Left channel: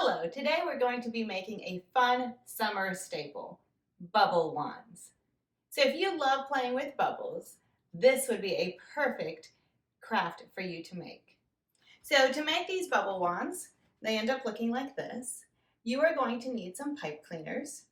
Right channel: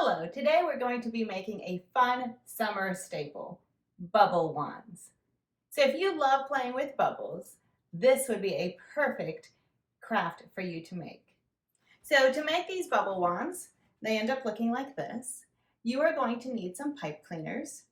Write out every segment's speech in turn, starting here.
Hello, today we're going to be making a fun summer staple, bubble wands. So if you love playing with bubbles, this would be a perfect craft for you to make. So to make these bubble wands, they end up looking like this. You are going to need some pipe cleaners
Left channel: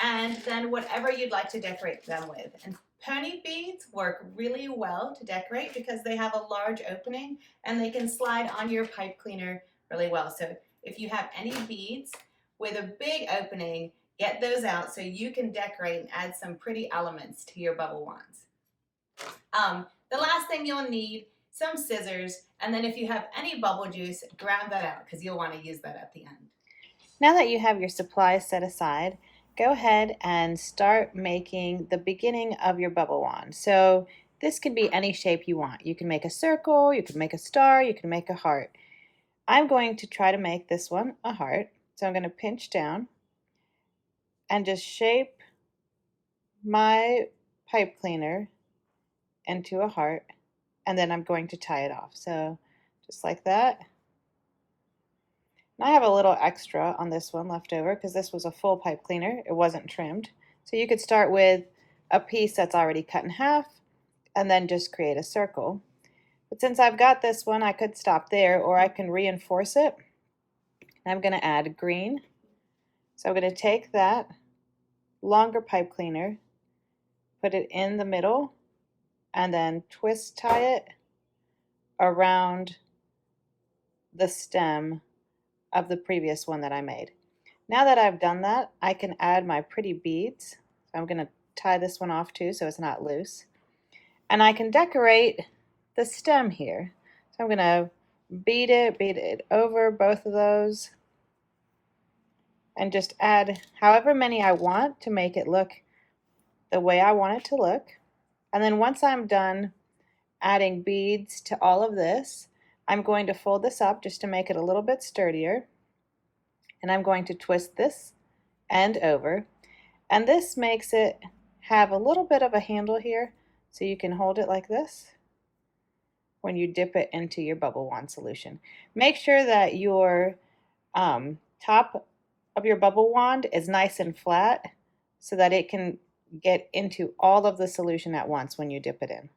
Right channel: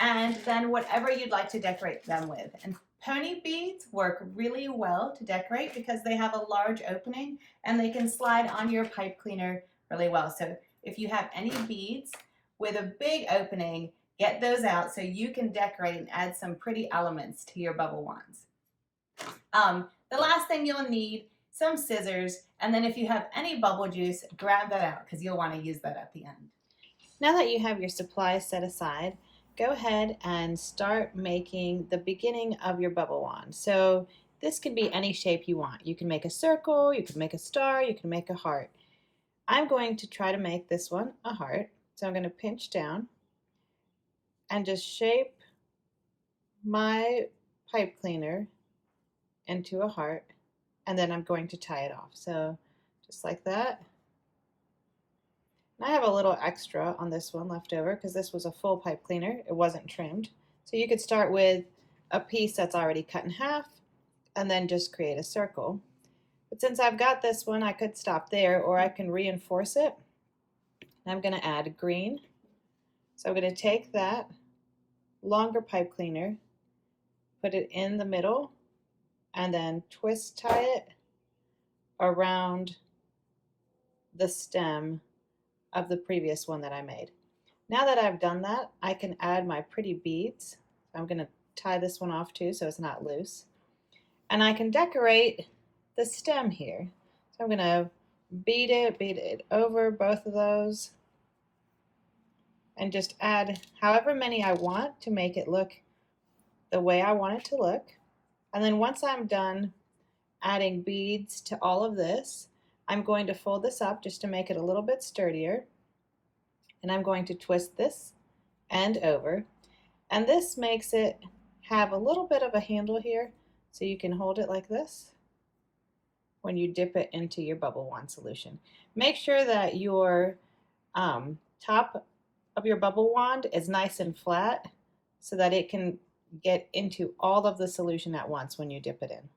and then whatever you'd like to decorate them with. And pony beads work really well to decorate because they have a large opening and they can slide on your pipe cleaner really well. So if you have any beads with a big opening, get those out so you can decorate and add some pretty elements to your bubble wands. The last thing you'll need, some scissors, and then if you have any bubble juice, grab that out because you'll want to use that at the end. Now that you have your supplies set aside, go ahead and start making the beginning of your bubble wand. So this can be any shape you want. You can make a circle, you can make a star, you can make a heart. I'm going to try to make this one a heart. So I'm going to pinch down and just shape my pipe cleaner into a heart, and then I'm going to tie it off. So just like that. And I have a little extra on this one left over because this was a full pipe cleaner. It wasn't trimmed. So you could start with a piece that's already cut in half and then just create a circle. But since I've got this one, I could stop there, or I can reinforce it. And I'm going to add green. So I'm going to take that longer pipe cleaner, put it in the middle, and then twist tie it around the stem of the previous one that I made. Now that I've done that, I can add my pretty beads. So I'm going to tie this one off too so it's not loose. And I can decorate the stem here. So I'm going to bead it over both of those, and just add however many I want to make it look the way I want it to look. And then once I'm done adding beads to all of this, I'm going to fold this up just to make it a little bit sturdier. And I'm going to twist this end over. And this makes it have a little bit of a handle here, so you can hold it like this when you dip it into your bubble wand solution. Make sure that your top of your bubble wand is nice and flat so that it can get into all of the solution at once when you dip it in.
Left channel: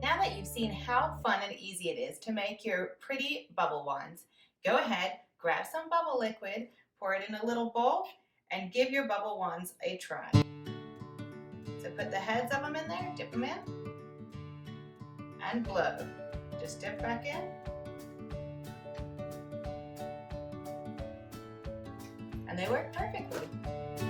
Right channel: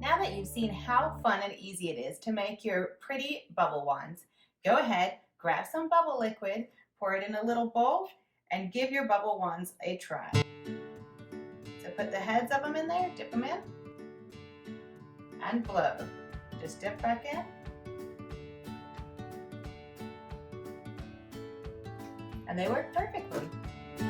Now that you've seen how fun and easy it is to make your pretty bubble wands, go ahead, grab some bubble liquid, pour it in a little bowl, and give your bubble wands a try. So put the heads of them in there, dip them in, and blow. Just dip back in. And they work perfectly.